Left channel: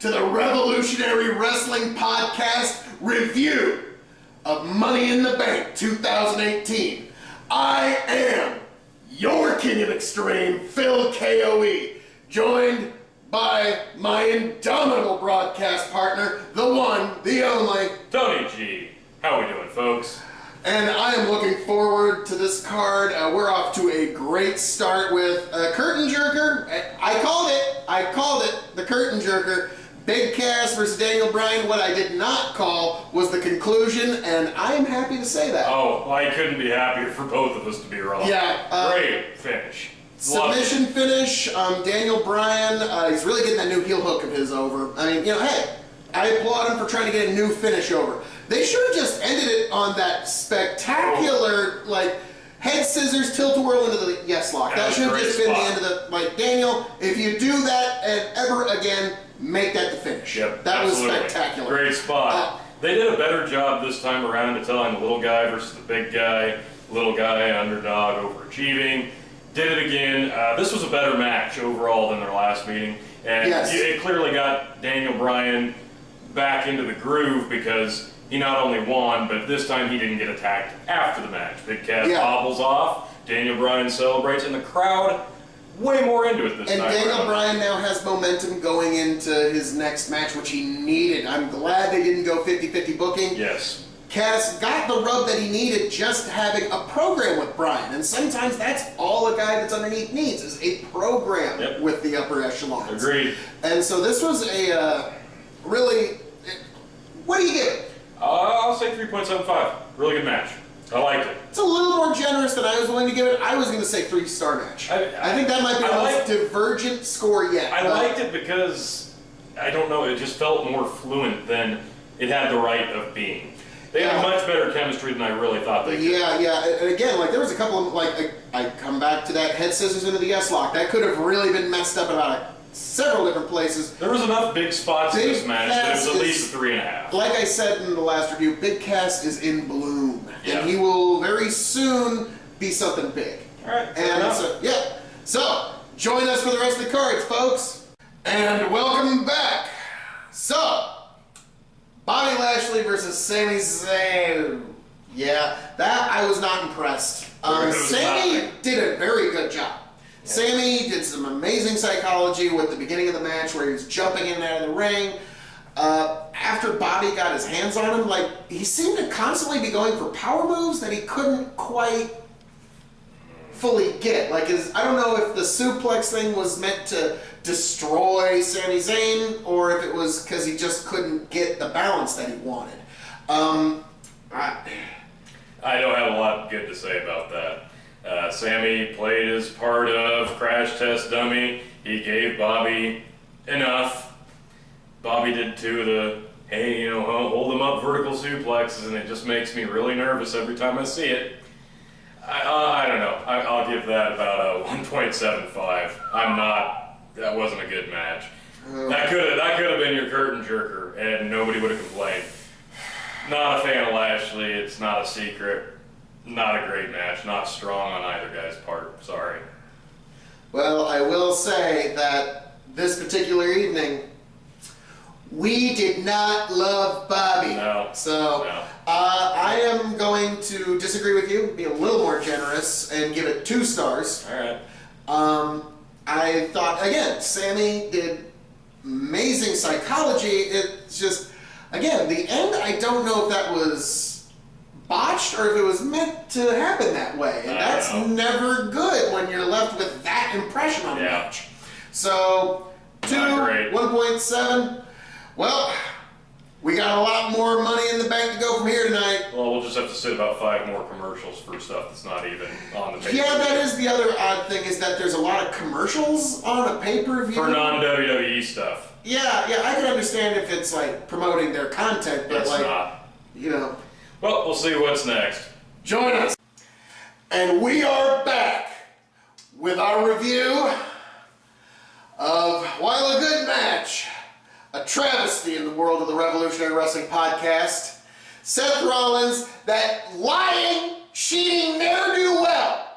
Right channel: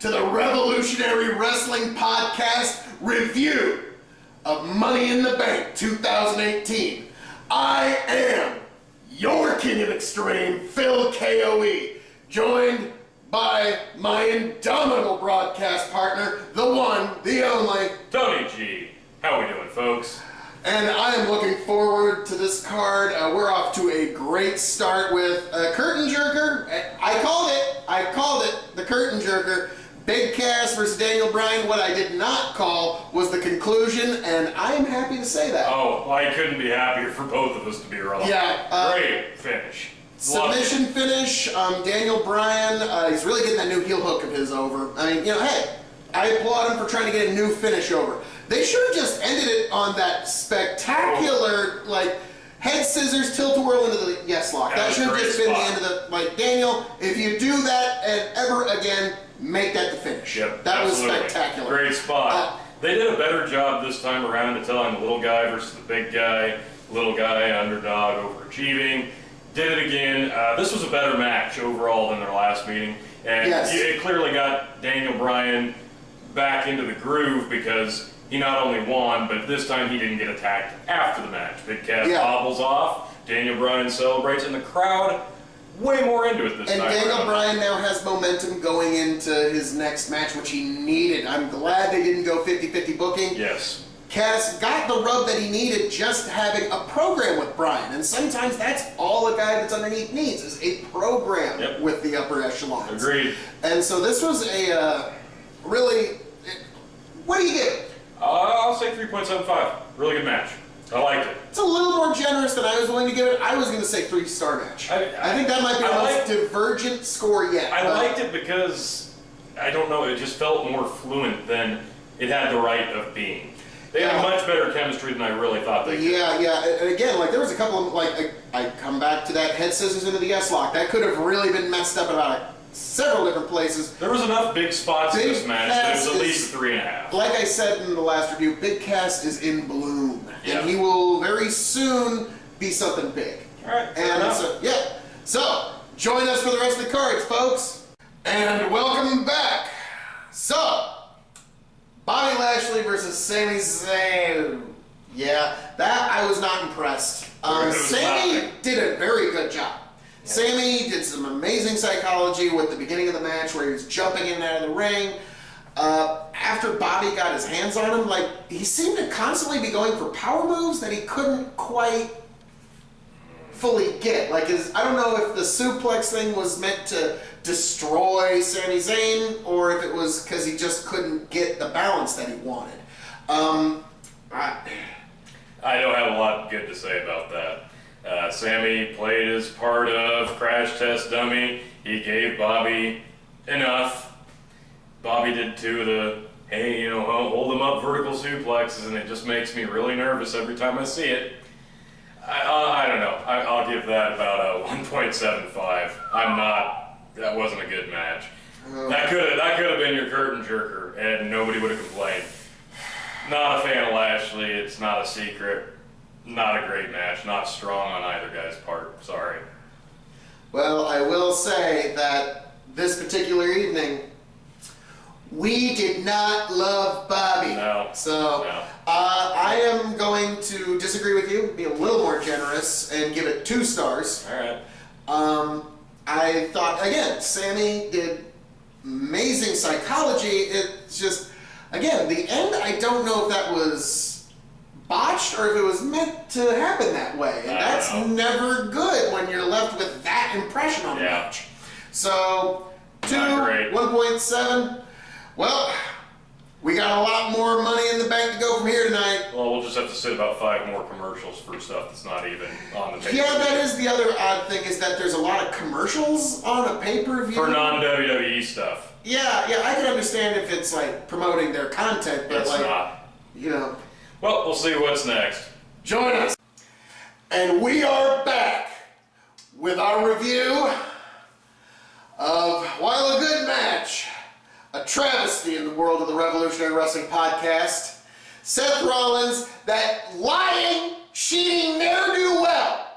to the Revolutionary Wrestling Podcast review of Money in the Bank 2018. I am your King of Extreme, Phil KOE, joined by my indomitable broadcast partner, the one, the only, Tony G. How we doing, folks? and I am looking forward to this card. We're off to a great start with a curtain jerker. I called it, the curtain jerker. Big Cass versus Daniel Bryan. What I did not call was the conclusion, and I am happy to say that. Oh, I couldn't be happier for both of us to be wrong. Yeah. Great finish. Submission finish. Daniel Bryan, he's really getting that new heel hook of his over. I mean, hey, I applaud him for trying to get a new finish over. They should have just ended it on that spectacular, head scissors, tilt-a-whirl into the yes lock. That should have just been the end of the, Daniel, if you do that and ever again, make that the finish. Yep, that absolutely. was spectacular. Great spot. They did a better job this time around of telling the little guy versus the big guy. Little guy, underdog, overachieving. Did it again. This was a better match overall than their last meeting. And yes. It clearly got Daniel Bryan back into the groove because he not only won, but this time he didn't get attacked after the match. Big Cass hobbles off, Daniel Bryan celebrates, and the crowd way more into it this time. And Daniel Bryan now has momentum going into his next match, which he needed. I'm glad they didn't go 50-50 booking. Yes. Cass got the rub that he needed just having a program with Bryan. And sometimes that's all a guy that's underneath needs, is a program with the upper echelons. Agreed. And so this was a really... What do you give it? I'll say 3.75. Really good match. I liked it. It's a little more generous than I was willing to give it. I was going to say 3-star match. I think that might be the most divergent score yet. I liked it because, I don't know, it just felt more fluent than it had the right of being. They had much better chemistry than I really thought they could. Yeah. And again, there was a couple of, I come back to that head scissors into the S-lock. That could have really been messed up about several different places. There was enough big spots in this match that it was at least a 3.5. Like I said in the last review, Big Cass is in bloom. Yeah. And he will very soon be something big. All right. And so, join us for the rest of the cards, folks. And welcome back. So, Bobby Lashley versus Sami Zayn. Yeah, that I was not impressed. Sami did a very good job. Yeah. Sami did some amazing psychology with the beginning of the match where he was jumping in and out of the ring. After Bobby got his hands on him, he seemed to constantly be going for power moves that he couldn't quite fully get. I don't know if the suplex thing was meant to destroy Sami Zayn or if it was because he just couldn't get the balance that he wanted. I don't have a lot good to say about that. Sami played his part of crash test dummy. He gave Bobby enough. Bobby did two of the, hold them up vertical suplexes, and it just makes me really nervous every time I see it. I don't know. I'll give that about a 1.75. That wasn't a good match. That could have been your curtain jerker, and nobody would have complained. Not a fan of Lashley. It's not a secret. Not a great match. Not strong on either guy's part. Sorry. Well, I will say that this particular evening, we did not love Bobby. No. So, I am going to disagree with you, be a little more generous, and give it 2 stars. All right. I thought, again, Sami did amazing psychology. It's just, again, the end, I don't know if that was botched or if it was meant to happen that way. And that's never good when you're left with that impression on the match. So, 1.7. Well, we got a lot more money in the bank to go from here tonight. Well, we'll just have to sit about 5 more commercials for stuff that's not even on the pay-per-view. Yeah, that is the other odd thing, is that there's a lot of commercials on a pay-per-view. For non-WWE stuff. Yeah, I can understand if it's promoting their content, but it's not. Well, we'll see what's next. Join us. And we are back with our review of, while a good match, a travesty in the world of the Revolutionary Wrestling Podcast, Seth Rollins, that lying, cheating ne'er-do-well,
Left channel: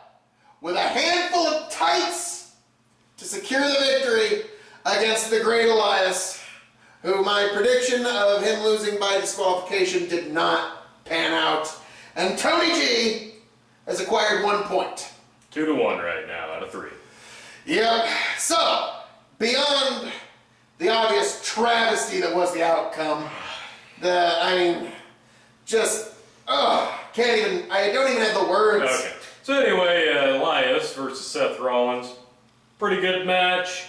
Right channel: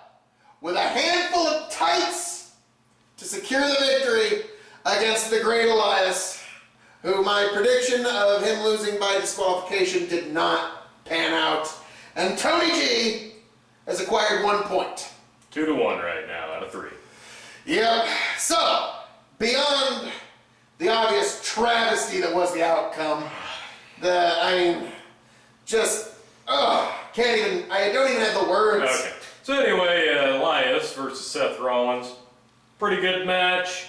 with a handful of tights to secure the victory against the Great Elias, who my prediction of him losing by disqualification did not pan out. And Tony G has acquired 1 point. 2-1 right now out of 3. Yep. So, beyond the obvious travesty that was the outcome, I don't even have the words. Okay. So anyway, Elias versus Seth Rollins. Pretty good match.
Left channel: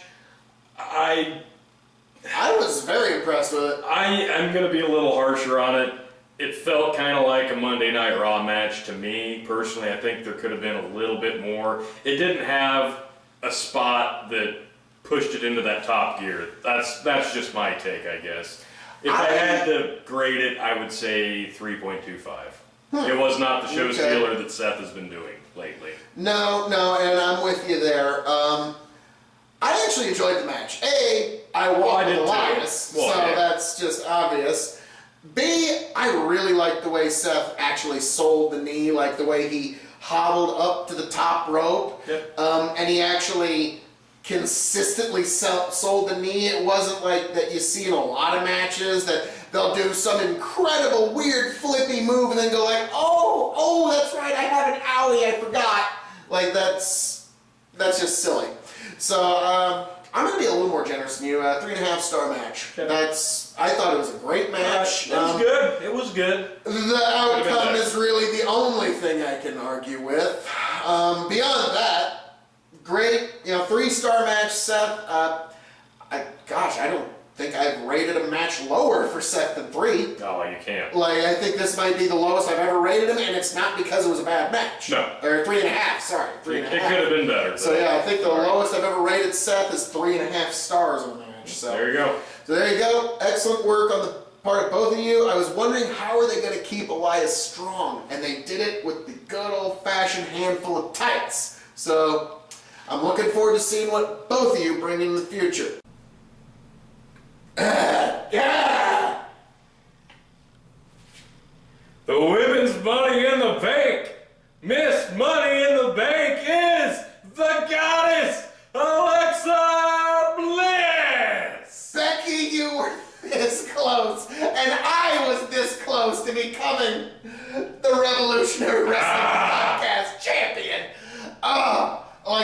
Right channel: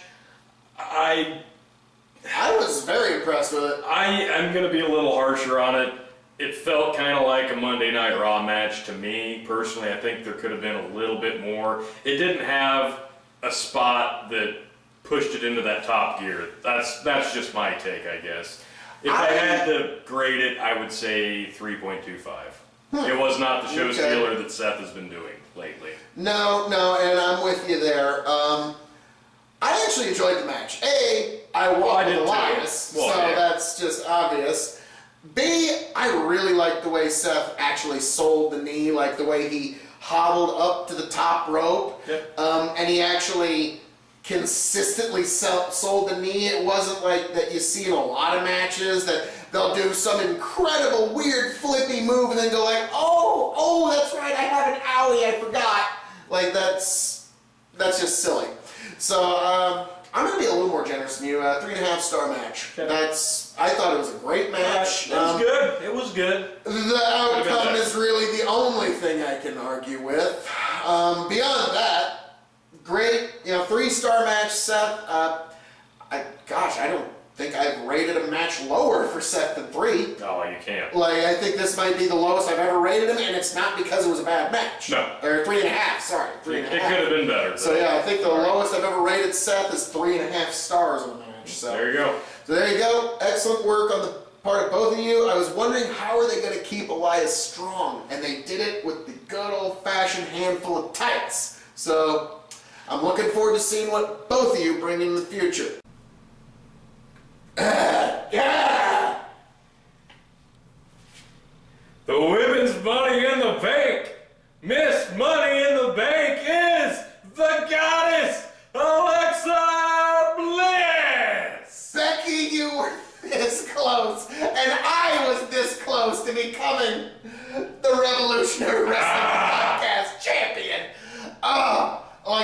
I was very impressed with it. I'm going to be a little harsher on it. It felt kind of like a Monday Night Raw match to me. Personally, I think there could have been a little bit more. It didn't have a spot that pushed it into that top gear. That's just my take, I guess. If I had to grade it, I would say 3.25. It was not the show stealer that Seth has been doing lately. No, and I'm with you there. I actually enjoyed the match. I walked with Elias, that's just obvious. B, I really liked the way Seth actually sold the knee, like the way he hobbled up to the top rope, and he actually consistently sold the knee. It wasn't like that you see in a lot of matches that they'll do some incredible weird flippy move and then go like, oh, that's right, I have an owie, I forgot. Like that's just silly. So I'm gonna be a little more generous than you. 3.5-star match. I thought it was a great match. It was good. It was good. The outcome is really the only thing I can argue with. Beyond that, great, 3-star match, Seth. I don't think I've rated a match lower for Seth than 3. Oh, you can't. I think this might be the lowest I've ever rated him, and it's not because it was a bad match. No. Or 3.5, sorry. 3.5. It could have been better. So I think the lowest I've ever rated Seth is 3.5 stars on the match. So there you go. So there you go. Excellent work on the part of both of you. I was wondering how are they going to keep Elias strong, and they did it with the good old-fashioned handful of tights. So I'm looking forward to seeing what both of you bring in the future. The women's Money in the Bank. Miss Money in the Bank is the goddess Alexa Bliss. Becky, you were this close, and I was this close to becoming the Revolutionary Wrestling Podcast champion.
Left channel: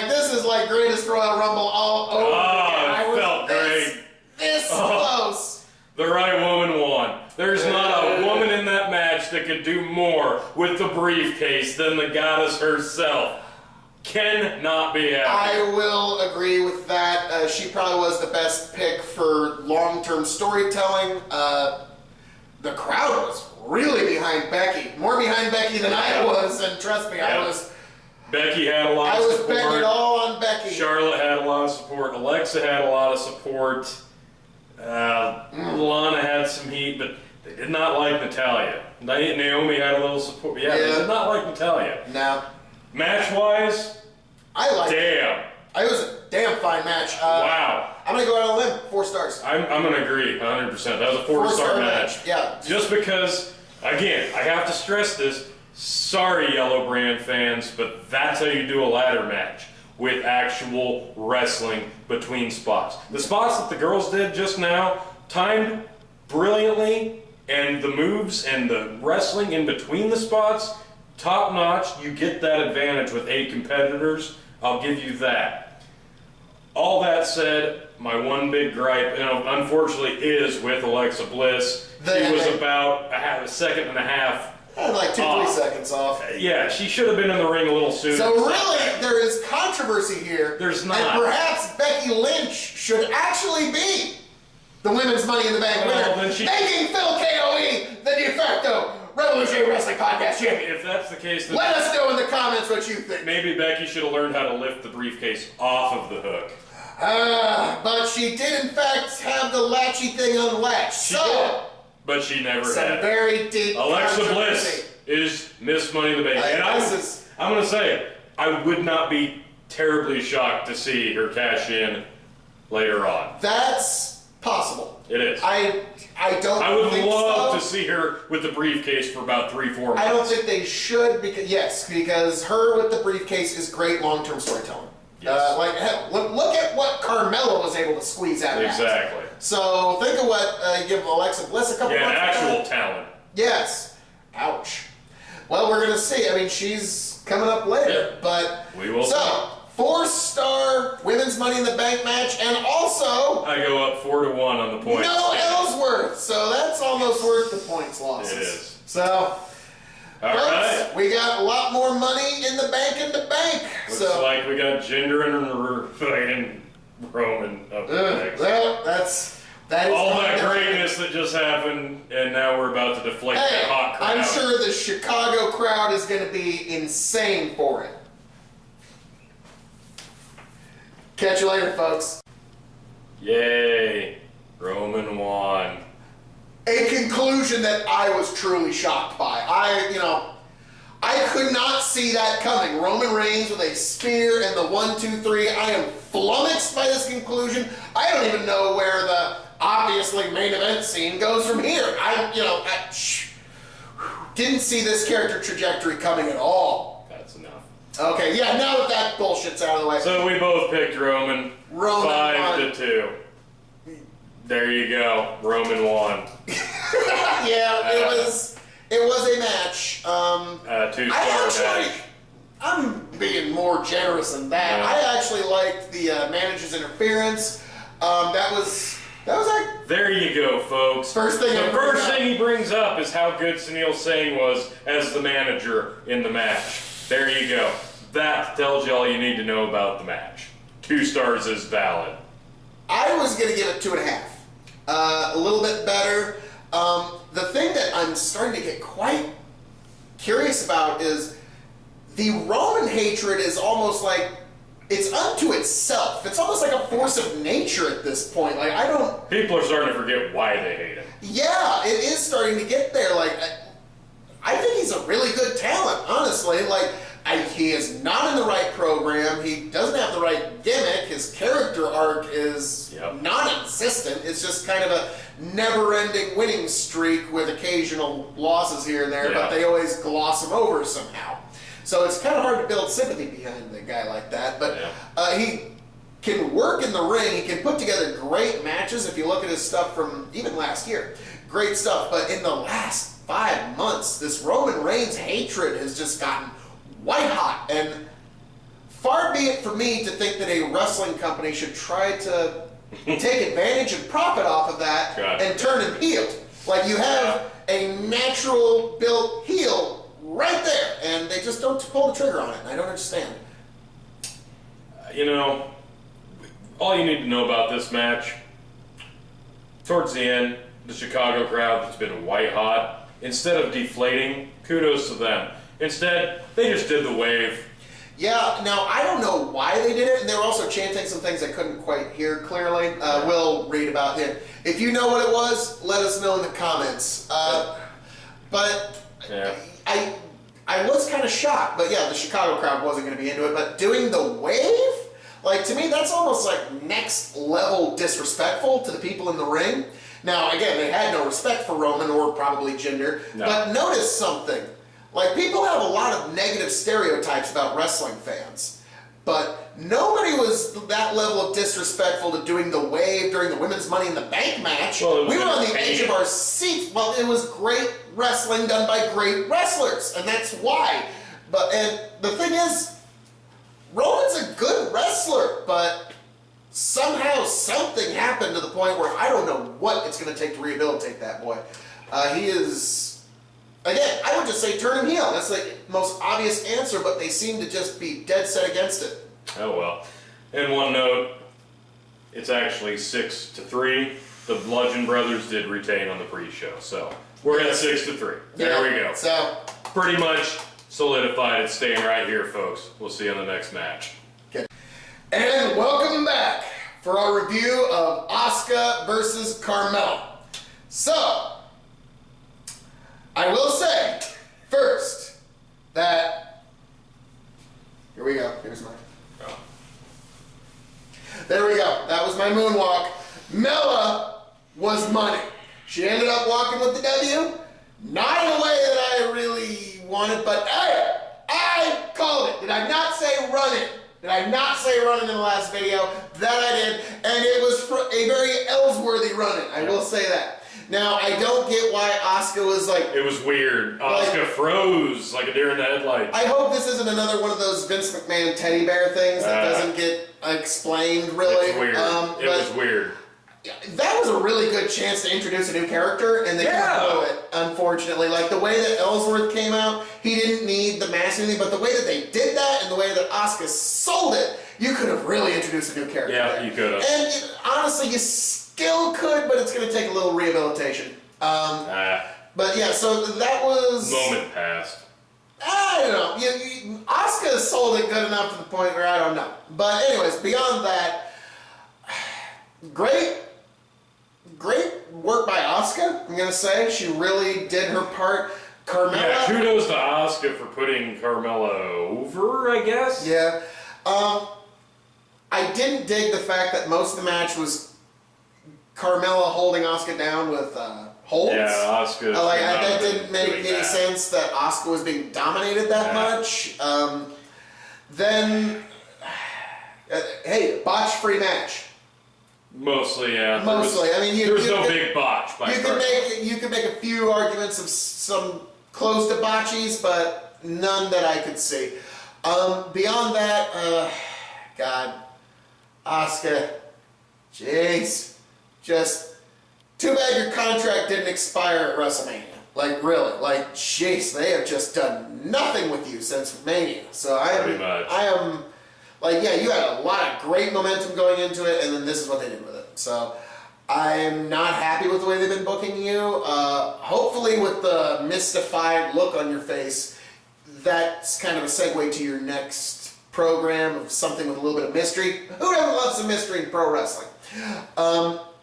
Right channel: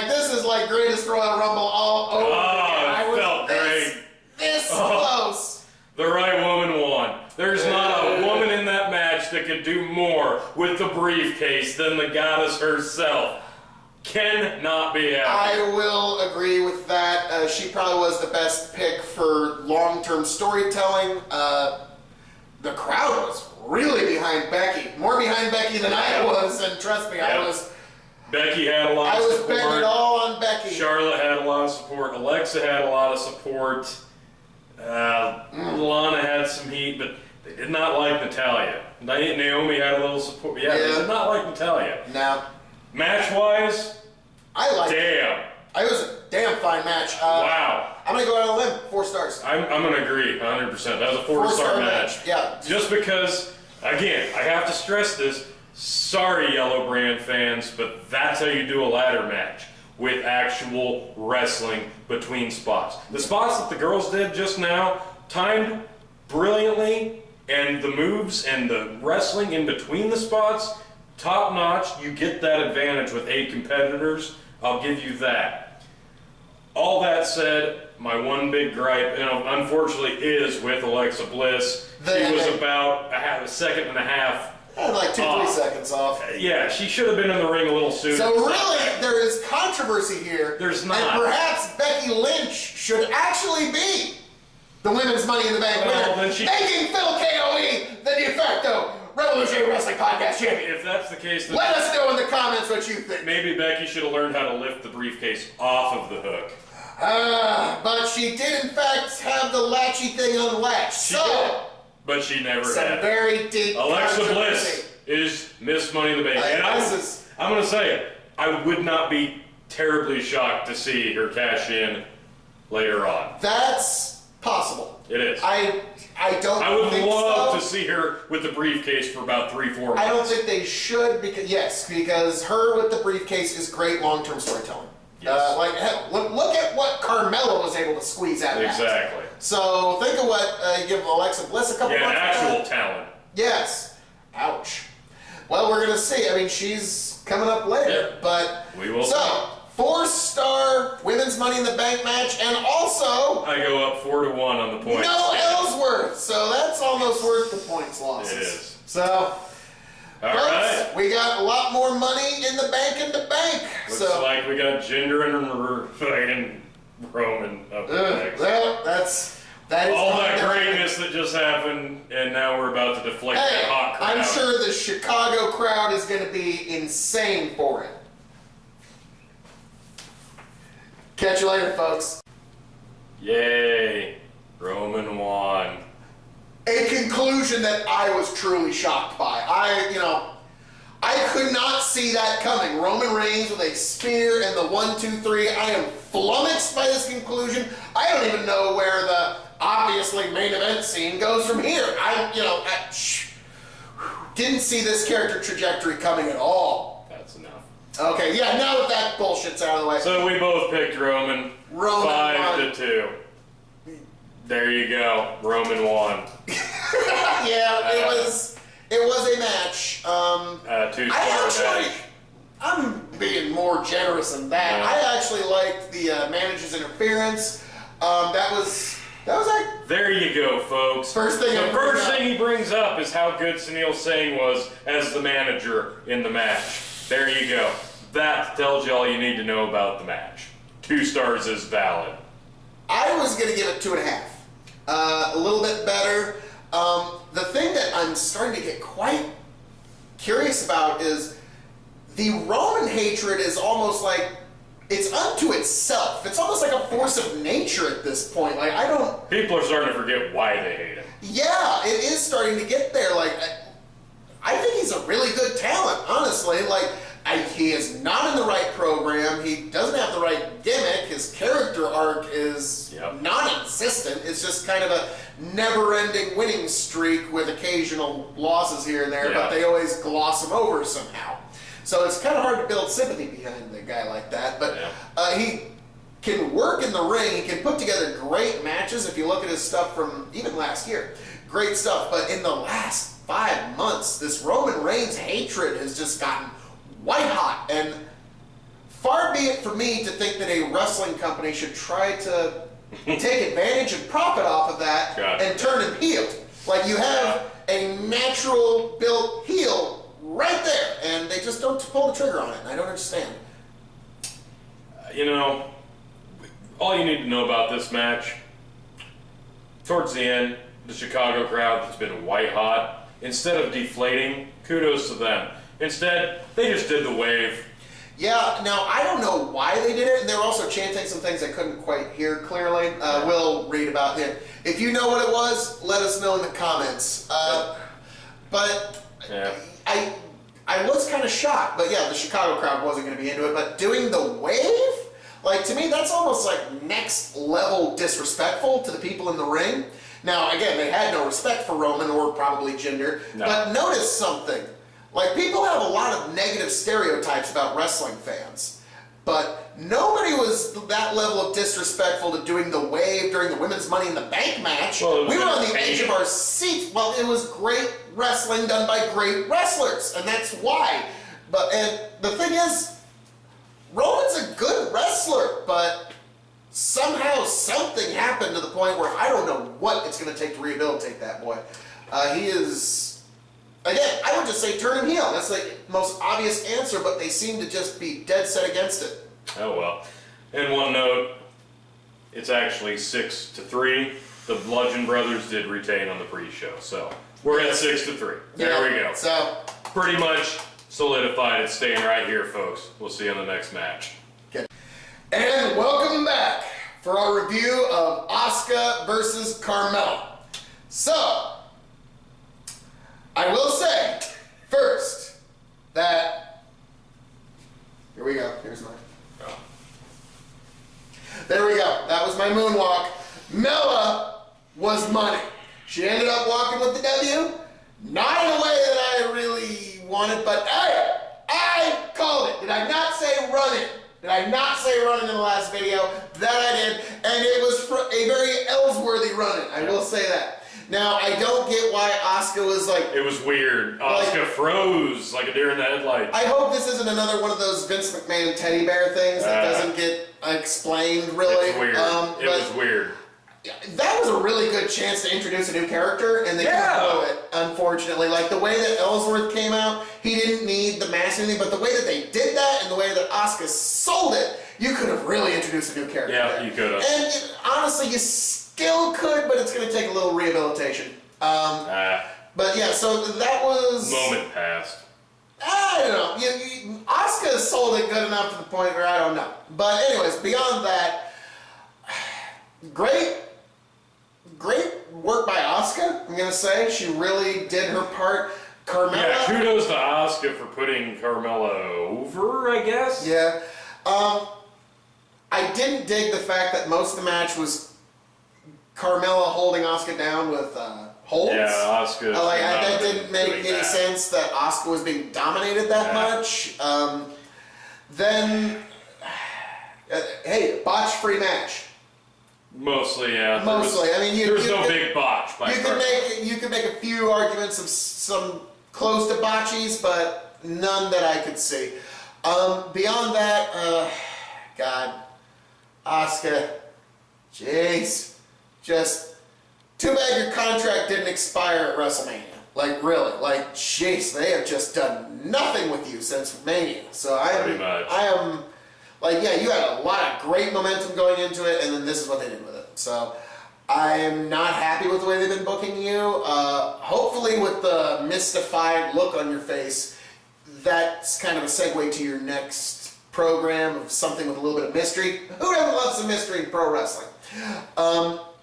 This is like Greatest Royal Rumble all over again. It felt great. This close. The right woman won. There's not a woman in that match that could do more with the briefcase than the goddess herself. Cannot be happy. I will agree with that. She probably was the best pick for long-term storytelling. The crowd was really behind Becky. More behind Becky than I was, and trust me, I was... Becky had a lot of support. I was betting it all on Becky. Charlotte had a lot of support. Alexa had a lot of support. Lana had some heat, but they did not like Natalya. Naomi had a little support. They did not like Natalya. No. Match-wise, I liked it. Damn. It was a damn fine match. Wow. I'm going to go out on a limb. 4 stars. I'm going to agree 100%. That was a 4-star match. Yeah. Just because, again, I have to stress this. Sorry, Yellow Brand fans, but that's how you do a ladder match. With actual wrestling between spots. The spots that the girls did just now, timed brilliantly, and the moves and the wrestling in between the spots, top notch. You get that advantage with 8 competitors. I'll give you that. All that said, my one big gripe, unfortunately, is with Alexa Bliss. She was about a second and a half. Like 2-3 seconds off. Yeah, she should have been in the ring a little sooner. So really, there is controversy here. There's not. And perhaps Becky Lynch should actually be the Women's Money in the Bank winner, making Phil KOE the de facto Revolutionary Wrestling Podcast champion. If that's the case, then let us know in the comments what you think. Maybe Becky should have learned how to lift the briefcase off of the hook. But she did in fact have the latchy thing unlatched. She did. But she never had. Some very deep Alexa Bliss is Miss Money in the Bank. And I'm going to say it. I would not be terribly shocked to see her cash in later on. That's possible. It is. I don't I would think love so. to see her with the briefcase for about 3-4 months. I don't think they should because her with the briefcase is great long-term storytelling. Yes. Hell, look at what Carmella was able to squeeze out of that. Exactly. So think of what you give Alexa Bliss a couple months ago. Actual talent. Yes. Ouch. Well, we're going to see. I mean, she's coming up later, but... We will see. 4-star women's Money in the Bank match, and also... I go up 4-1 on the points. No Ellsworth, so that's almost worth the points losses. It is. So, all right. We got a lot more money in the bank Looks like we got Jinder and Roman up next. Well, that is all that greatness that just happened, and now we're about to deflate that hot crowd. I'm sure the Chicago crowd is going to be insane for it. Catch you later, folks. Yay. Roman won. A conclusion that I was truly shocked by. I could not see that coming. Roman Reigns with a spear and the 1-2-3. I am flummoxed by this conclusion. I don't even know where the obviously main event scene goes from here. I didn't see this character trajectory coming at all. That's enough. Okay, yeah, now that bullshit's out of the way. So we both picked Roman. 5-2. There you go. Roman won. Yeah, it was a match. 2-star match. I'm being more generous than that. I actually liked the manager's interference. That was like... There you go, folks. The first thing he brings up is how good Sunil Singh was as the manager in the match. There you go. That tells you all you need to know about the match. 2 stars is valid. I was going to give it 2.5. A little bit better. The thing that I'm starting to get quite curious about is the Roman hatred is almost like it's unto itself. It's almost like a force of nature at this point. Like, People are starting to forget why they hate him. Yeah, it is starting to get there. Like, I think he's a really good talent, honestly. Like, he is not in the right program. He doesn't have the right gimmick. His character arc is non-existent. It's just kind of a never-ending winning streak with occasional losses here and there, but they always gloss him over somehow. So it's kind of hard to build sympathy behind a guy like that. But he can work in the ring. He can put together great matches. If you look at his stuff from even last year, great stuff. But in the last 5 months, this Roman Reigns hatred has just gotten white hot, and far be it for me to think that a wrestling company should try to take advantage and profit off of that and turn him heel. Like, you have a natural built heel right there, and they just don't pull the trigger on it, and I don't understand. All you need to know about this match, towards the end, the Chicago crowd that's been white hot, instead of deflating, kudos to them. Instead, they just did the wave. Yeah, now, I don't know why they did it, and they were also chanting some things I couldn't quite hear clearly. We'll read about it. If you know what it was, let us know in the comments. But I was kind of shocked, but yeah, the Chicago crowd wasn't going to be into it, but doing the wave? Like, to me, that's almost like next level disrespectful to the people in the ring. Now, again, they had no respect for Roman or probably Jinder, but notice something. Like, people have a lot of negative stereotypes about wrestling fans, but nobody was that level of disrespectful to doing the wave during the Women's Money in the Bank match. Well, we were on the edge of our seats. Well, it was great wrestling done by great wrestlers, and that's why. And the thing is, Roman's a good wrestler, but somehow something happened to the point where I don't know what it's going to take to rehabilitate that boy. He is... Again, I would just say turn him heel. That's the most obvious answer, but they seem to just be dead set against it. Oh well. And one note, it's actually 6-3. The Bludgeon Brothers did retain on the pre-show, so we're at 6-3. There we go. So pretty much solidified. It's staying right here, folks. We'll see you on the next match. Okay. And welcome back for our review of Asuka versus Carmella. So, I will say, first, that... Here we go. Here's mine. Oh. There we go. That was my moonwalk. Mella was money. She ended up walking with the W. Not in a way that I really wanted, but hey, I called it. Did I not say run it? Did I not say running in the last video? That I did, and it was a very Ellsworthy running. I will say that. Now, I don't get why Asuka was like... It was weird. Asuka froze like a deer in the headlights. I hope this isn't another one of those Vince McMahon teddy bear things that doesn't get explained, really. It's weird. It was weird. That was a really good chance to introduce a new character, and they couldn't blow it, unfortunately. Like, the way that Ellsworth came out, he didn't need the mask or anything, but the way that they did that and the way that Asuka sold it, you could have really introduced a new character. Yeah, there. you could have. And honestly, you still could, but it's going to take a little rehabilitation. But yeah, so that was... Moment passed. I don't know. Asuka sold it good enough to the point where I don't know. But anyways, beyond that, great work by Asuka, I'm going to say. She really did her part. Carmella... Yeah, kudos to Asuka for putting Carmella over, I guess? Yeah. I didn't dig the fact that most of the match was Carmella holding Asuka down with holds. Yeah, Asuka. That didn't make any sense that Asuka was being dominated that much. Then, hey, botch-free match. Mostly, yeah. Mostly. I mean, there's no big botch. You could make a few arguments of some close to botchies, but none that I could see. Beyond that, God, Asuka, jeez, just too bad your contract didn't expire at WrestleMania. Like, really, like, jeez, they have just done nothing with you since Mania. So I am, like, yeah, you had a lot of great momentum going into it, and then this is what they did with it. So I am not happy with the way they've been booking you. Hopefully with the mystified look on your face, that's kind of a segue to your next program of something with a little bit of mystery. Who doesn't love some mystery in pro wrestling?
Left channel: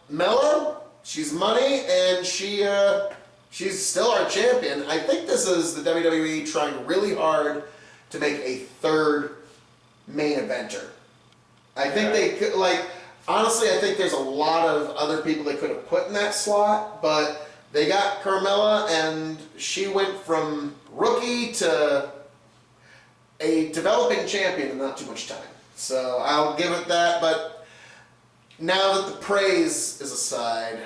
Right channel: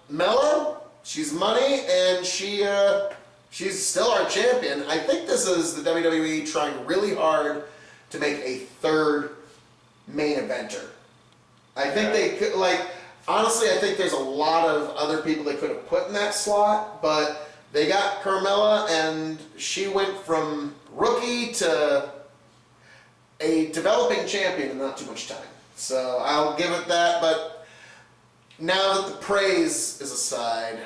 Mella, she's money, and she's still our champion. I think this is the WWE trying really hard to make a third main eventer. I think they could, like, honestly, I think there's a lot of other people they could have put in that slot, but they got Carmella, and she went from rookie to a developing champion in not too much time. So I'll give it that, but now that the praise is aside...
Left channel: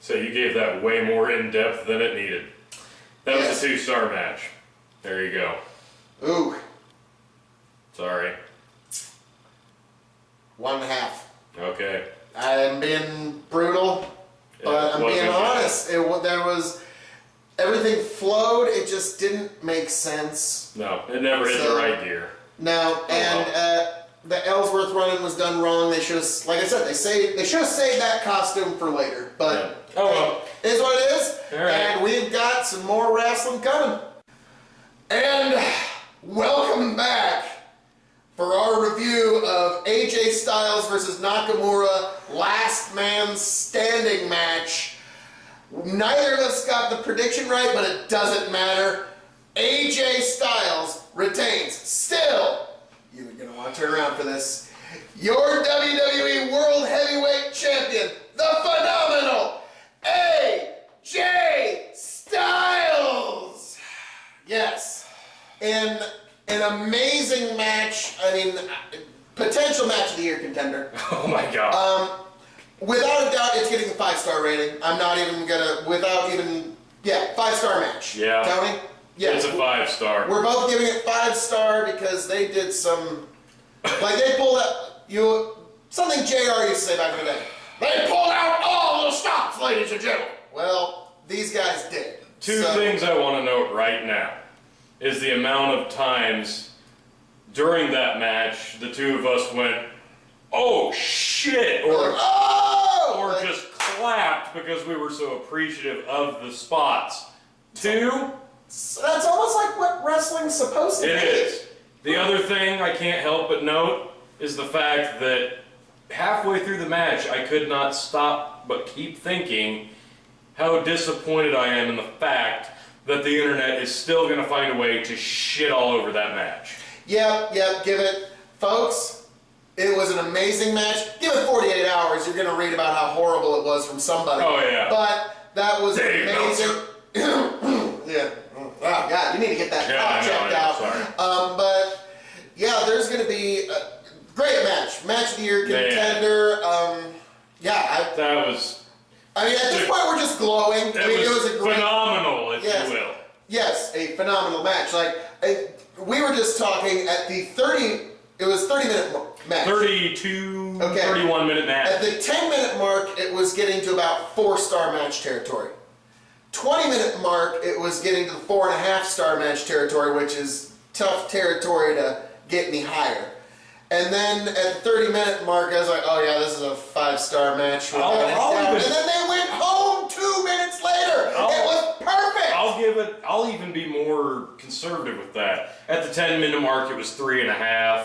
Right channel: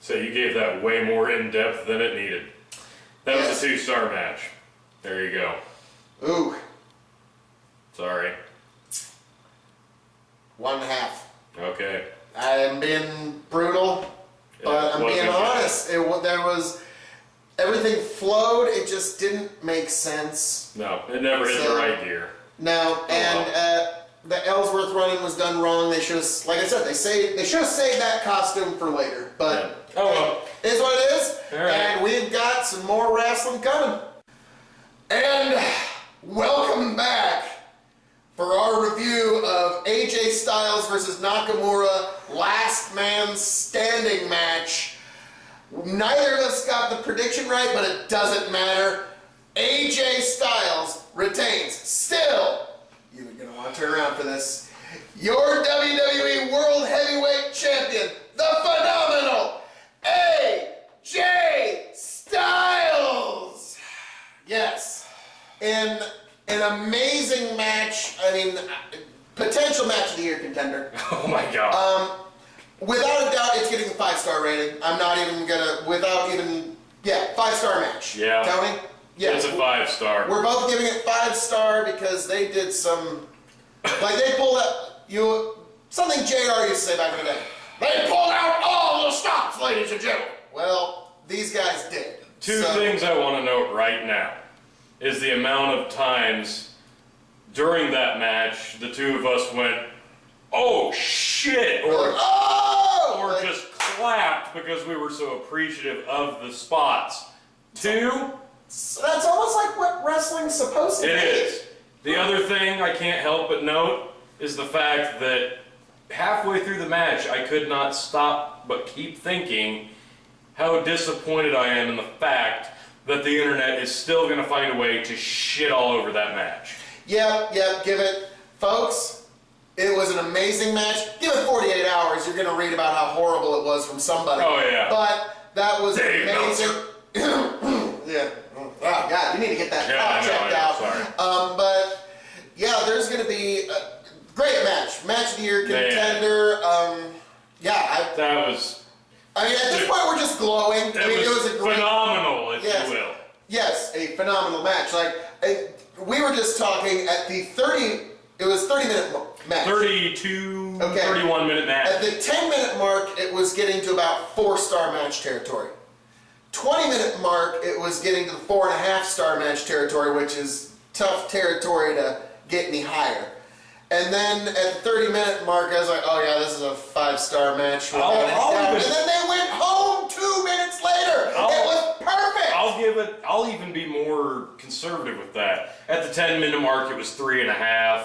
So you gave that way more in-depth than it needed. That was a 2-star match. There you go. Ooh. Sorry. 1.5. Okay. I'm being brutal, but I'm being honest. There was... Everything flowed, it just didn't make sense. No, it never hit the right gear. No, and the Ellsworth running was done wrong. They should have, like I said, they should have saved that costume for later. But it is what it is. All right. And we've got some more wrestling coming. And welcome back for our review of AJ Styles versus Nakamura Last Man Standing match. Neither of us got the prediction right, but it doesn't matter. AJ Styles retains. Still, you're going to want to turn around for this. Your WWE World Heavyweight Champion, the phenomenal AJ Styles. Yes. In an amazing match. I mean, potential match of the year contender. Oh my God. Without a doubt, it's getting a 5-star rating. I'm not even gonna, 5-star match. Yeah. Tony? Yeah. It's a 5-star. We're both giving it 5-star because they did some, like they pulled out, something JR used to say back in the day. They pulled out all the stops, ladies and gentlemen. Well, these guys did. Two things I want to note right now is the amount of times during that match the two of us went, oh shit, or just clapped because we were so appreciative of the spots. Two, so that's almost like what wrestling's supposed to be. It is. The other thing I can't help but note is the fact that halfway through the match I could not stop but keep thinking how disappointed I am in the fact that the internet is still going to find a way to shit all over that match. Yep, give it. Folks, it was an amazing match. Give it 48 hours, you're going to read about how horrible it was from somebody. Oh, yeah. But that was Dave amazing. Yeah. Oh, God, you need to get that checked out. Sorry. But, yeah, there's going to be... Great match. Match of the year contender. That was... I mean, at this point, we're just glowing. I mean, it was a great... phenomenal, if you will. Yes, a phenomenal match. We were just talking at the 30... It was 30-minute match. 31-minute match. At the 10-minute mark, it was getting to about 4-star match territory. 20-minute mark, it was getting to the 4.5-star match territory, which is tough territory to get any higher. And then at the 30-minute mark, I was like, oh yeah, this is a 5-star match. And then they went home 2 minutes later. It was perfect. I'll even be more conservative with that. At the 10-minute mark, it was 3.5.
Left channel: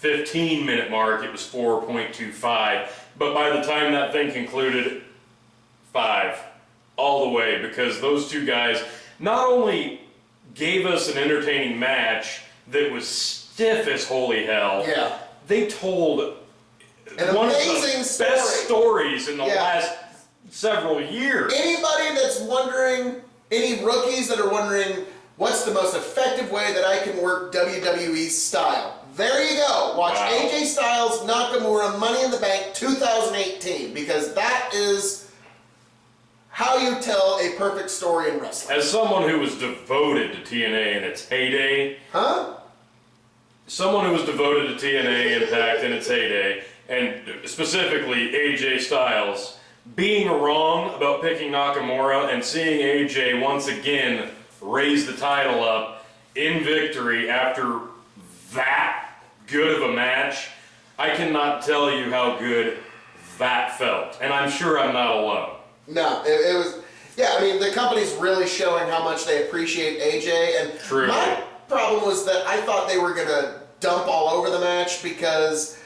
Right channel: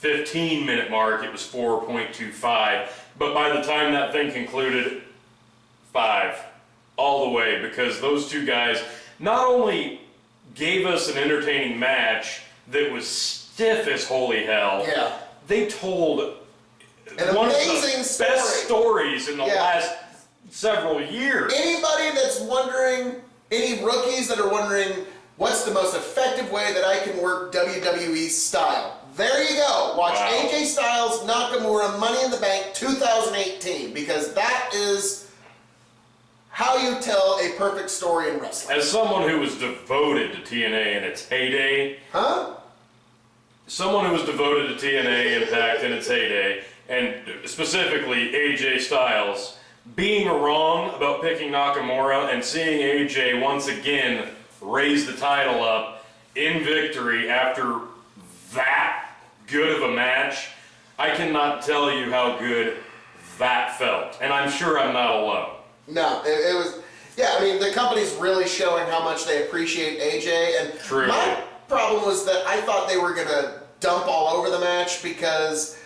15-minute mark, it was 4.25. But by the time that thing concluded, 5. All the way, because those two guys not only gave us an entertaining match that was stiff as holy hell, they told one of the best stories in the last several years. Anybody that's wondering, any rookies that are wondering, what's the most effective way that I can work WWE style? There you go. Watch AJ Styles, Nakamura, Money in the Bank 2018, because that is how you tell a perfect story in wrestling. As someone who was devoted to TNA in its heyday, someone who was devoted to TNA Impact in its heyday, and specifically AJ Styles, being wrong about picking Nakamura and seeing AJ once again raise the title up in victory after that good of a match, I cannot tell you how good that felt. And I'm sure I'm not alone. No, it was... Yeah, I mean, the company's really showing how much they appreciate AJ, and Truly. My problem was that I thought they were going to dump all over the match because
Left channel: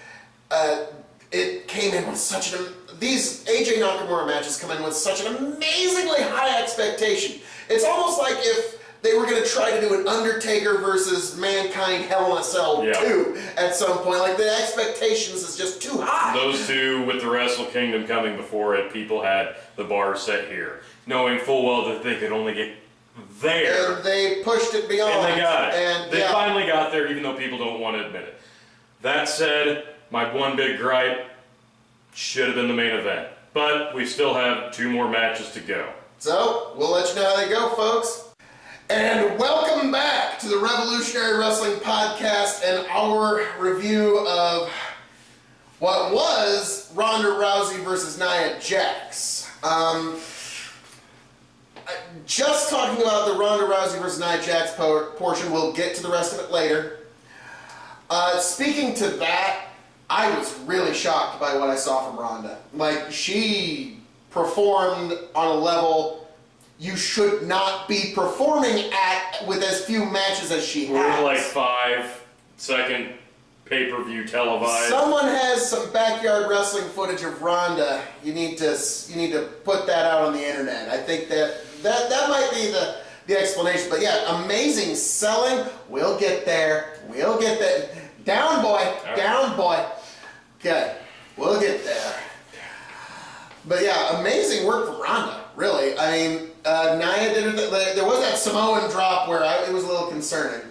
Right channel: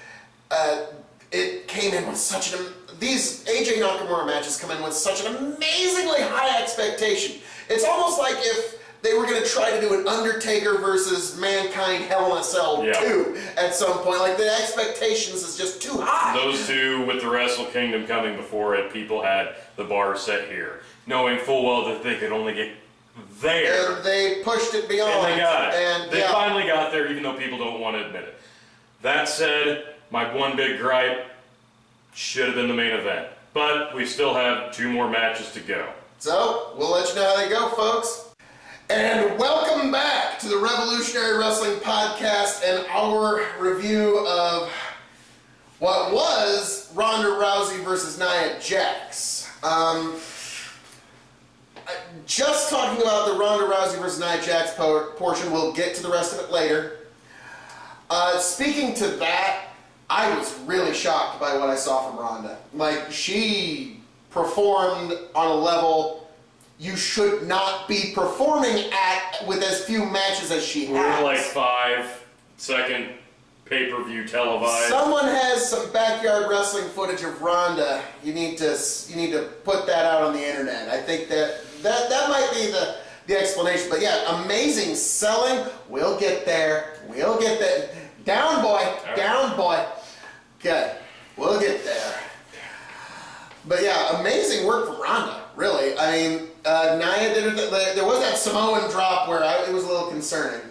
it came in with such an... These AJ Nakamura matches come in with such an amazingly high expectation. It's almost like if they were going to try to do an Undertaker versus Mankind Hell in a Cell 2 at some point. Like, the expectations is just too high. Those two, with the Wrestle Kingdom coming before it, people had the bar set here, knowing full well that they could only get there. And they pushed it beyond. And they got it. And they finally got there, even though people don't want to admit it. That said, my one big gripe should have been the main event. But we still have 2 more matches to go. So, we'll let you know how they go, folks. And welcome back to the Revolutionary Wrestling Podcast and our review of what was Ronda Rousey versus Nia Jax. Just talking about the Ronda Rousey versus Nia Jax portion, we'll get to the rest of it later. Speaking to that, I was really shocked by what I saw from Ronda. Like, she performed on a level you should not be performing at with as few matches as she has. We're like 5-second pay-per-view televised. Someone has some backyard wrestling footage of Ronda. You need to put that out on the internet. I think that might be the explanation. But yeah, amazing selling. We'll get there. We'll get there. Down boy. Right. Down boy. Okay. We'll get there. But yeah, amazing work from Ronda, really. I mean, Nia did it. There was that Samoan drop where it was a little concerning.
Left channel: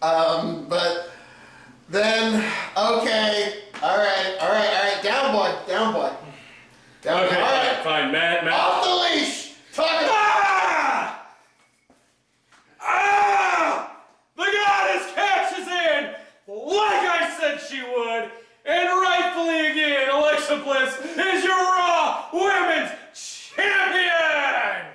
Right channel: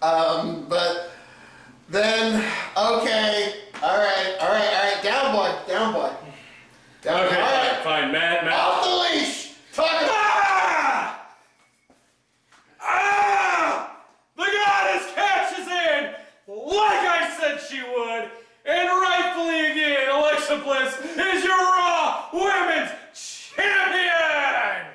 But then, okay, all right, down boy. Down okay, boy. All right, fine, Matt. Off the leash. The goddess cashes in, like I said she would. And rightfully again, Alexa Bliss is your Raw Women's Champion!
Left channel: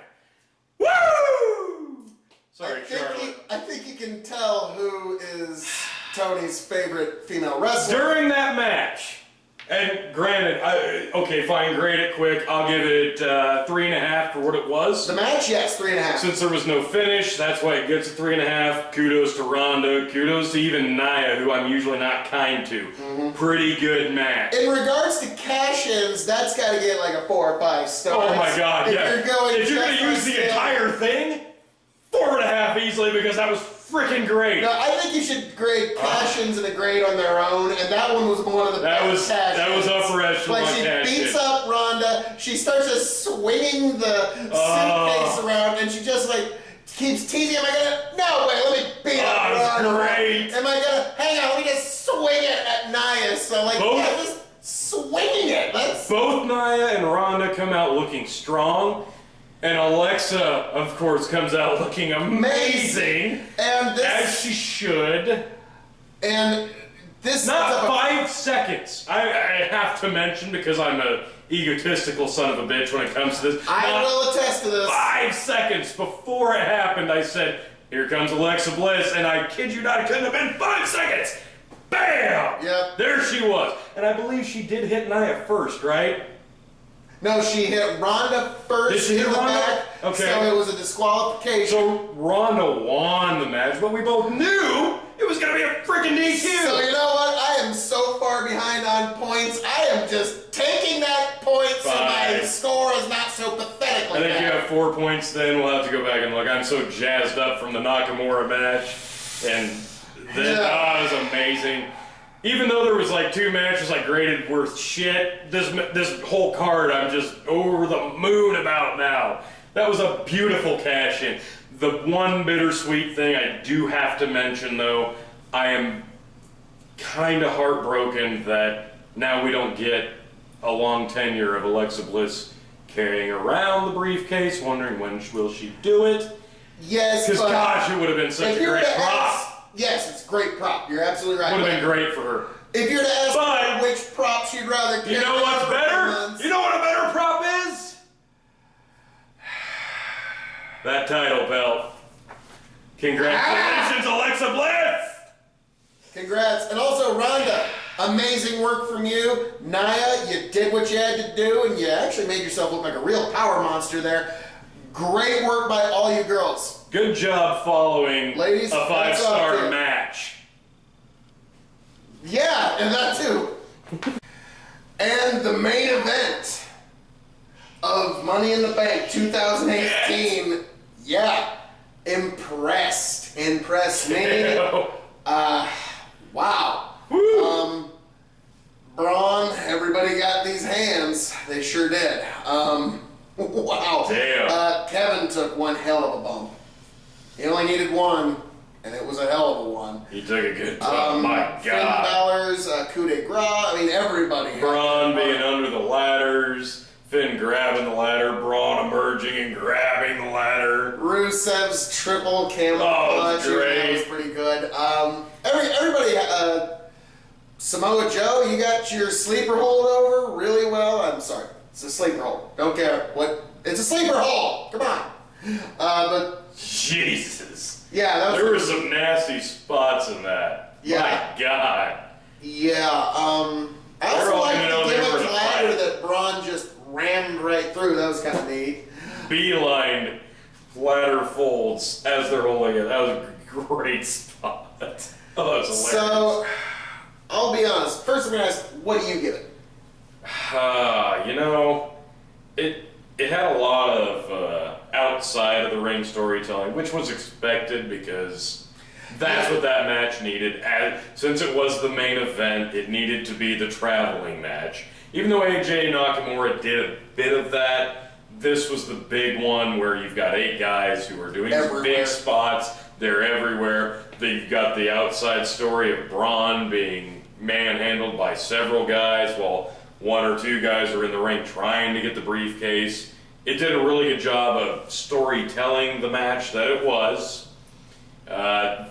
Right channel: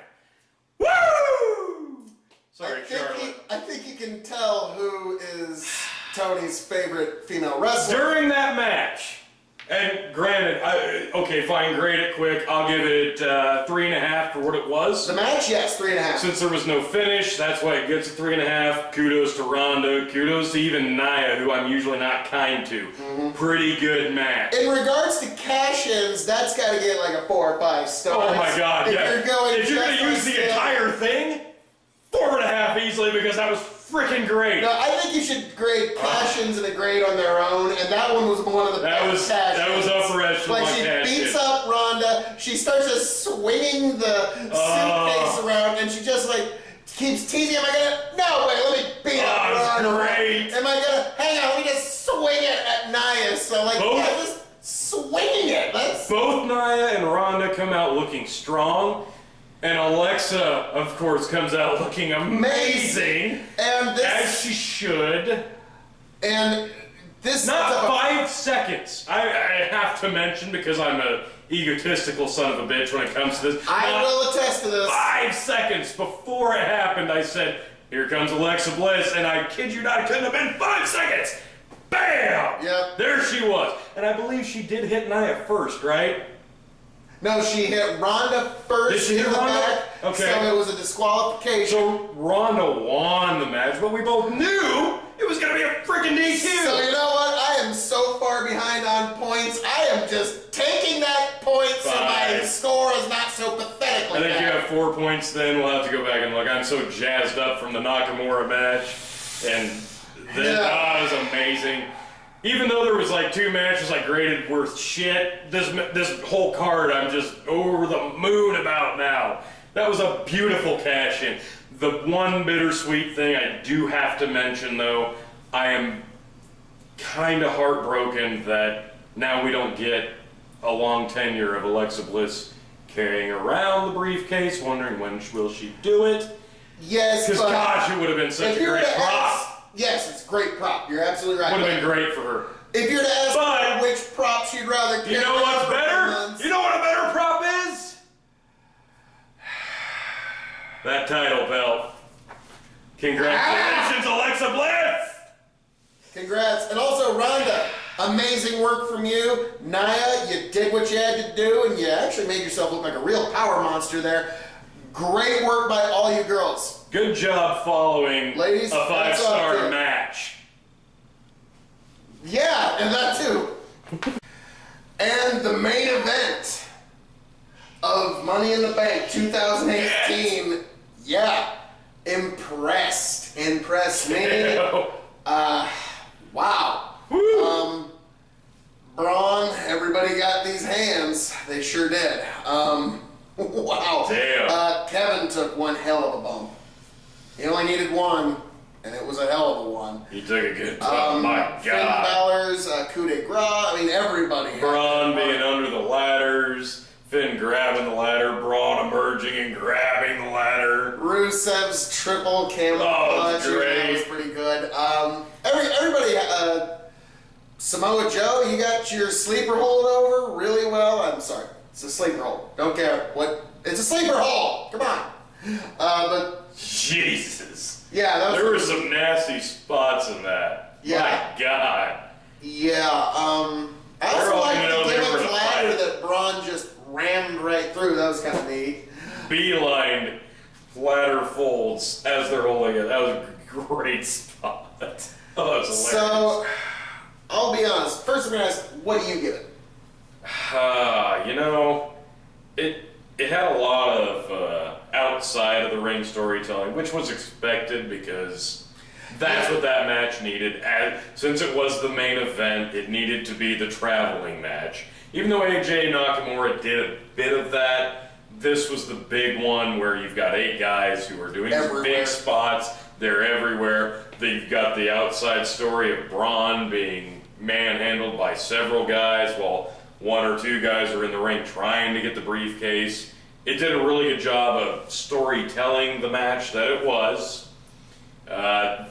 Woo! Sorry, Charlotte. I think you can tell who is Tony's favorite female wrestler. During that match, and granted, okay, fine, grade it quick. I'll give it 3.5 for what it was. The match, yes, 3.5. Since there was no finish, that's why it gets a 3.5. Kudos to Ronda. Kudos to even Nia, who I'm usually not kind to. Mm-hmm. Pretty good match. In regards to cash-ins, that's got to get like a 4 or 5 stars. Oh my God! If you're going to use the entire thing, 4.5 easily, because that was freaking great. No, I think you should grade cash-ins and a grade on their own, and that one was one of the best cash-ins. That was upper echelon. Like, she beats up Ronda, she starts just swinging the suitcase around, and she just like keeps teasing, am I gonna, no way, let me beat up Ronda. Great. Am I gonna, hang on, let me just swing it at So, like, Both- yeah, just swinging it. Both Nia and Ronda come out looking strong, and Alexa, of course, comes out looking amazing, And this, as she should. and this Not 5 seconds. I have to mention, because I'm a egotistical son of a bitch when it comes to this. I will attest to this. 5 seconds before it happened, I said, "Here comes Alexa Bliss," and I kid you not, it couldn't have been 5 seconds. Bam! Yep. There she was. And I believe she did hit Nia first, right? No, she hit Ronda first. Did she hit in the Ronda? back, Okay. So it was a disqualification. So Ronda won the match, but we both knew it was going to be a freaking DQ. So you know what? I am so far behind on points. I am just taking that point so my Fine. score is not so pathetically I think you bad. have 4 points then. We'll have to go back and look. I'm so jazzed up from the Nakamura match. And that was amazing. Even though there was like 2 matches like graded worth shit, this whole card I'm just over the moon about now. That was a beautiful cash in. The one bittersweet thing I do have to mention though, I am kind of heartbroken that now we don't get a long tenure of Alexa Bliss carrying around the briefcase, wondering when will she do it. Yes, Because but gosh, it would have been such if a you were great to prop. ask, yes, it's a great prop. You're absolutely right. Would have been great for her. If you're to ask But- her which prop she'd rather carry, You know what's for better? months, You know what a better prop is? That title belt. Congratulations, Alexa Bliss! Congrats. And also, Rhonda, amazing work from you. Nia, you did what you had to do, and you actually made yourself look like a real power monster there. Great work by all you girls. Good job following Ladies, a that's up 5-star to you. match. Yeah, and that too. And the main event of Money in the Bank 2018, yeah, impressed me. Wow. Woo. Braun, everybody got these hands. They sure did. Wow. Damn. Kevin took one hell of a bump. He only needed one, and it was a hell of a one. He took a good bump. My Finn God. Balor's coup de grace. I mean, everybody. had Braun that being bump. under the ladders, Finn grabbing the ladder, Braun emerging and grabbing the ladder. Rusev's triple camel Oh, it was clutch. That great. was pretty good. Everybody. Samoa Joe, you got your sleeper hold over really well. I'm sorry, it's a sleeper hold. Don't care what. It's a sleeper hold. Come on. But Jesus. yeah, that was. There were some nasty spots in that. Yeah. My God. Yeah. I They're also all like gonna know the they were gimmick in a ladder fight. that Braun just rammed right through. That was kind of neat. Beeline ladder folds as they're holding it. That was a great spot. Oh, that was hilarious. So, I'll be honest. First, I'm gonna ask, what do you give it? You know, it had a lot of outside of the ring storytelling, which was expected because that's what that match needed. And since it was the main event, it needed to be the traveling match. Even though AJ Nakamura did a bit of that, this was the big one where you've got 8 guys who are doing these Everywhere. big spots. They're everywhere. You've got the outside story of Braun being manhandled by several guys while 1 or 2 guys are in the ring trying to get the briefcase. It did a really good job of storytelling the match that it was.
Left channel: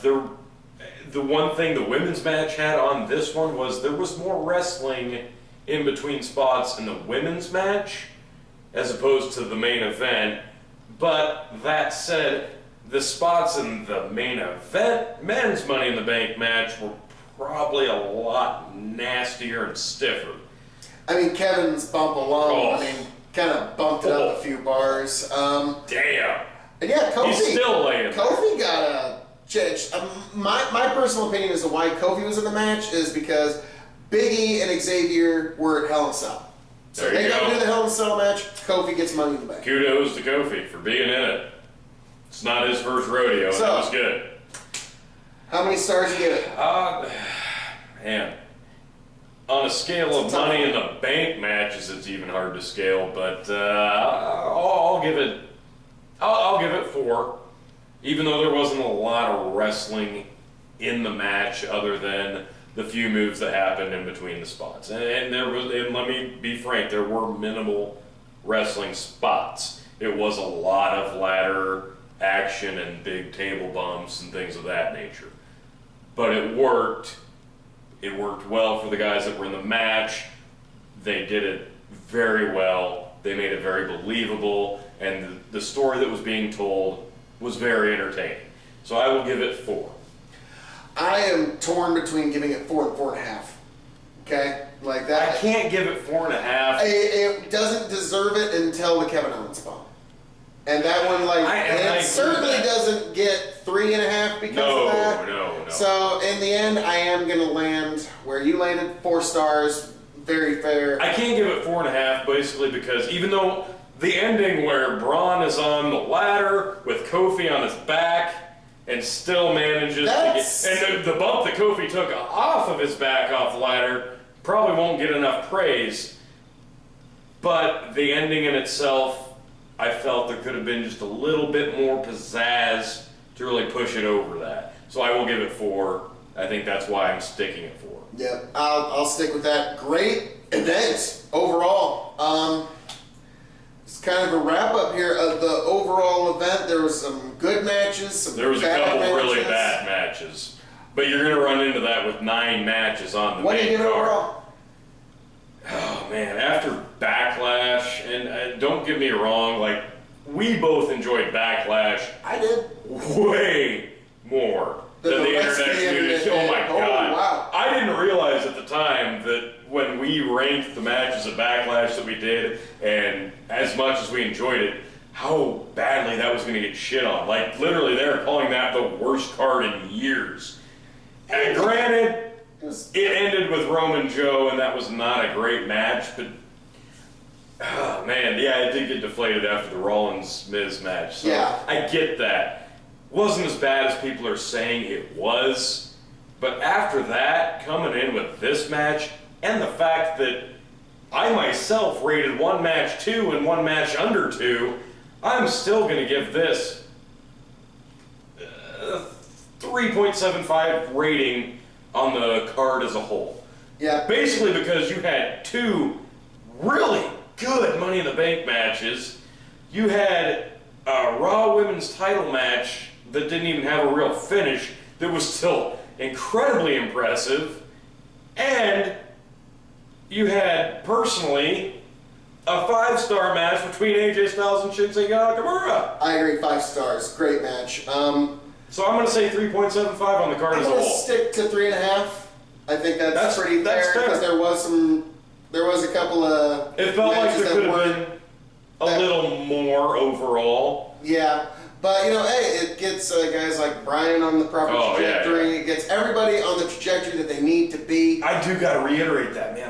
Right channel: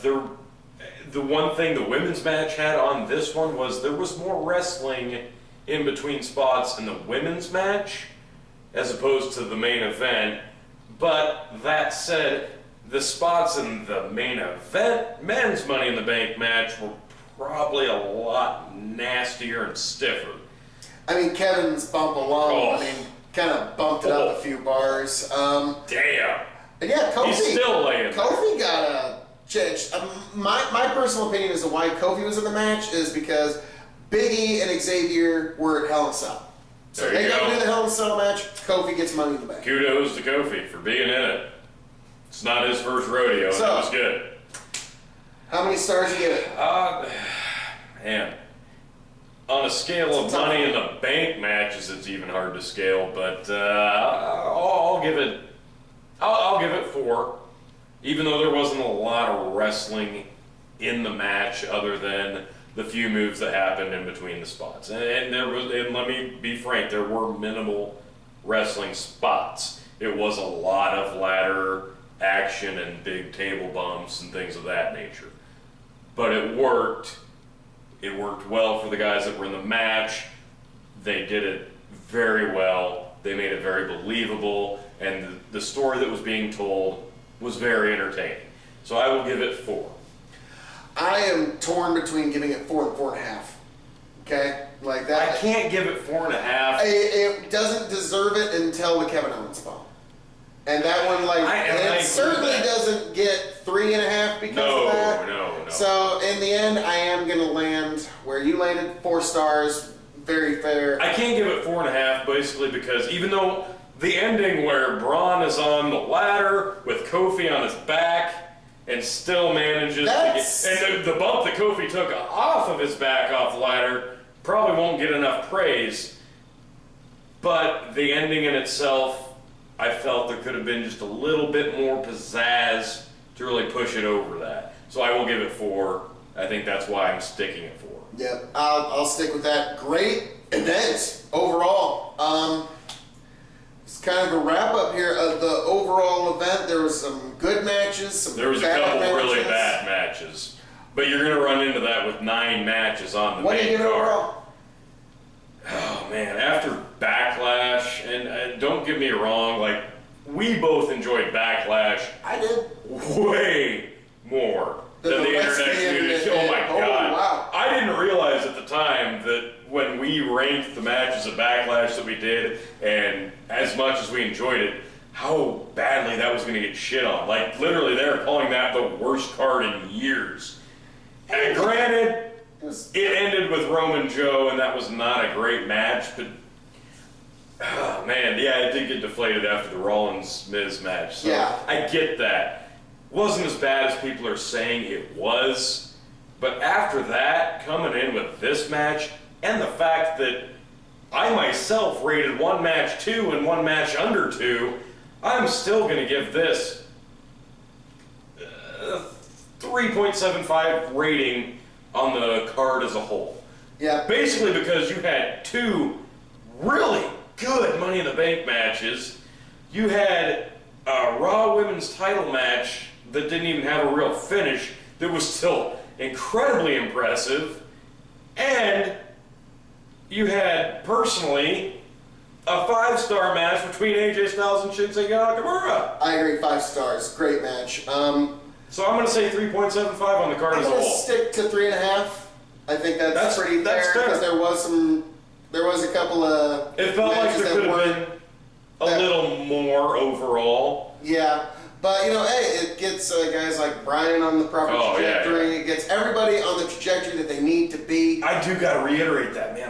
The one thing the women's match had on this one was there was more wrestling in between spots in the women's match as opposed to the main event. But that said, the spots in the main event men's Money in the Bank match were probably a lot nastier and stiffer. I mean, Kevin's bump alone, Oh. I mean, kind of bumped it up a few bars. Damn. And yeah, Kofi. He's still laying. Kofi got a change. My personal opinion as to why Kofi was in the match is because Big E and Xavier were at Hell in a Cell. So There they you got to go. do the Hell in a Cell match. Kofi gets Money in the Bank. Kudos to Kofi for being in it. It's not his first rodeo, and So- that was good. How many stars you give it? Man. On a scale of It's a tough Money in one. the Bank matches, it's even hard to scale, but I'll give it. I'll give it 4, even though there wasn't a lot of wrestling in the match, other than the few moves that happened in between the spots. And let me be frank, there were minimal wrestling spots. It was a lot of ladder action and big table bumps and things of that nature. But it worked. It worked well for the guys that were in the match. They did it very well. They made it very believable. And the story that was being told was very entertaining. So I will give it 4. I am torn between giving it 4 and 4.5. Okay? Like that. I can't give it 4.5. It doesn't deserve it until the Kevin Owens bomb. And that one, it certainly doesn't get 3.5 because of that. No. So in the end, I am going to land where you landed, 4 stars. Very fair. I can't give it 4.5 basically because even though the ending where Braun is on the ladder with Kofi on his back and still manages to get, and the bump that Kofi took off of his back off the ladder probably won't get enough praise, but the ending in itself, I felt there could have been just a little bit more pizzazz to really push it over that. So I will give it 4. I think that's why I'm sticking at 4. Yep, I'll stick with that. Great event overall. It's kind of a wrap up here of the overall event. There was some good matches, there was a couple really bad matches, but you're going to run into that with 9 matches on the main card. What do you give overall? Oh man, after Backlash, and don't get me wrong, like we both enjoyed Backlash. I did. Way more than the internet community. Oh my god! Wow. I didn't realize at the time that when we ranked the matches of Backlash that we did, and as much as we enjoyed it, how badly that was going to get shit on. Like literally, they were calling that the worst card in years. And granted. It ended with Roman Joe, and that was not a great match, but oh man, yeah, it did get deflated after the Rollins-Miz match. So yeah. I get that. Wasn't as bad as people are saying it was, but after that, coming in with this match, and the fact that I myself rated one match 2 and one match under 2, I'm still going to give this 3.75 rating on the card as a whole. Yeah. Basically because you had 2 really good Money in the Bank matches. You had a Raw Women's title match that didn't even have a real finish that was still incredibly impressive. And you had, personally, a 5-star match between AJ Styles and Shinsuke Nakamura. I agree, 5 stars. Great match. So I'm going to say 3.75 on the card as a whole. I'm going to stick to 3.5. I think that's pretty fair because there was a couple of it felt like there could have been a little more overall. Yeah, but you know, hey, it gets guys like Brian on the proper trajectory. Yeah. It gets everybody on the trajectory that they need to be. I do got to reiterate that, man.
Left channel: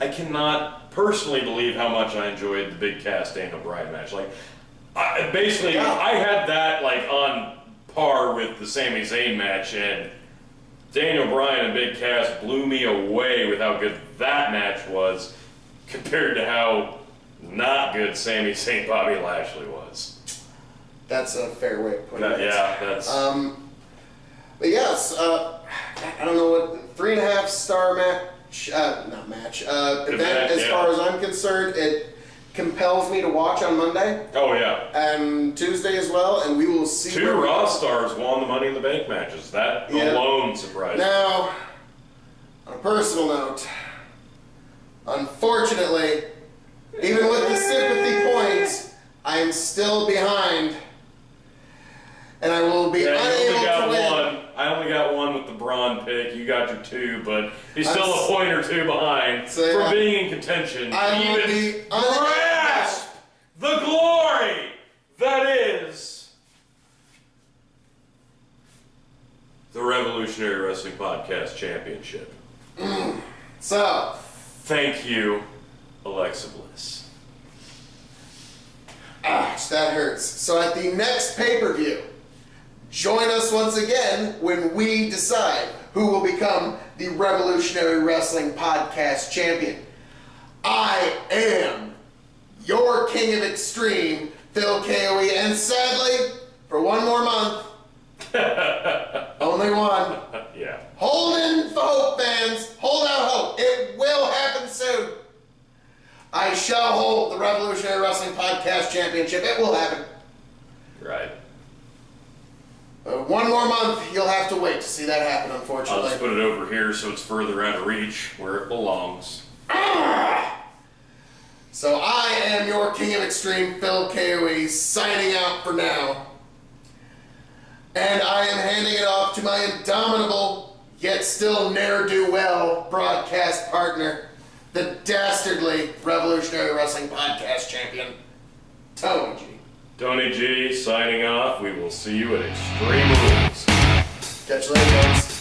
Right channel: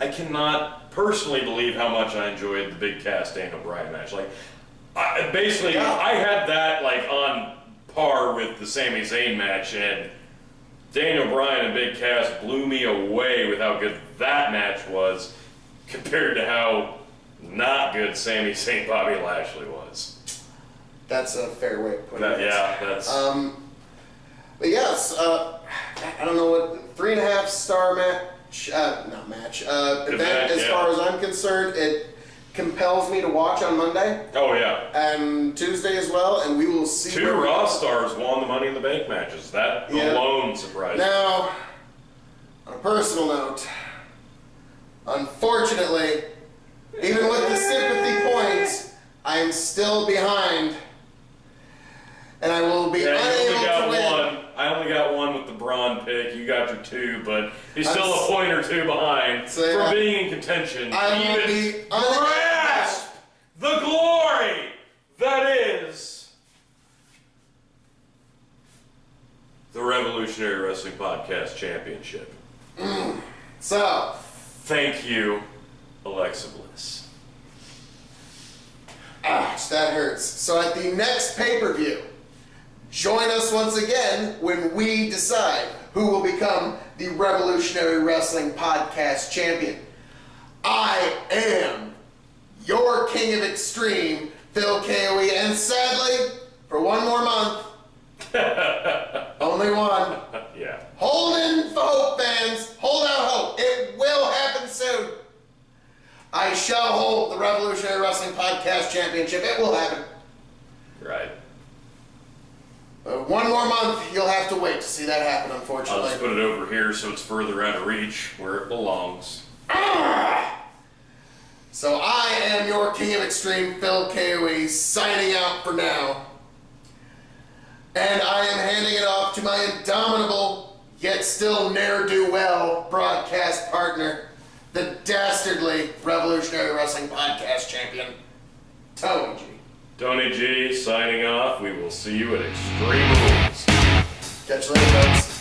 I cannot personally believe how much I enjoyed the Big Cass Daniel Bryan match. Like, I had that like on par with the Sami Zayn match, and Daniel Bryan and Big Cass blew me away with how good that match was compared to how not good Sami Zayn Bobby Lashley was. That's a fair way of putting it. Yeah, that's. But yes, I don't know what 3.5 star event as far as I'm concerned. It compels me to watch on Monday. Oh yeah. And Tuesday as well, and we will see. 2 Raw stars won the Money in the Bank matches. That alone surprised me. Now, on a personal note, unfortunately, even with the sympathy points, I am still behind, and I will be unable to win. I only got 1 with the Braun pick. You got your 2, but he's still a point or 2 behind for being in contention. I will be grasp the glory that is the Revolutionary Wrestling Podcast Championship. So, thank you, Alexa Bliss. Ouch, that hurts. So at the next pay-per-view, join us once again when we decide who will become the Revolutionary Wrestling Podcast Champion. I am your King of Extreme, Phil KOE, and sadly, for one more month, only one. Yeah. Holding for hope, fans. Hold out hope. It will happen soon. I shall hold the Revolutionary Wrestling Podcast Championship. It will happen. Right. One more month, you'll have to wait to see that happen, unfortunately. I'll just put it over here so it's further out of reach, where it belongs. So I am your King of Extreme, Phil KOE, signing out for now. And I am handing it off to my indomitable, yet still ne'er-do-well broadcast partner, the dastardly Revolutionary Wrestling Podcast Champion, Tony G. Tony G signing off. We will see you at Extreme Rules. Catch you later, folks.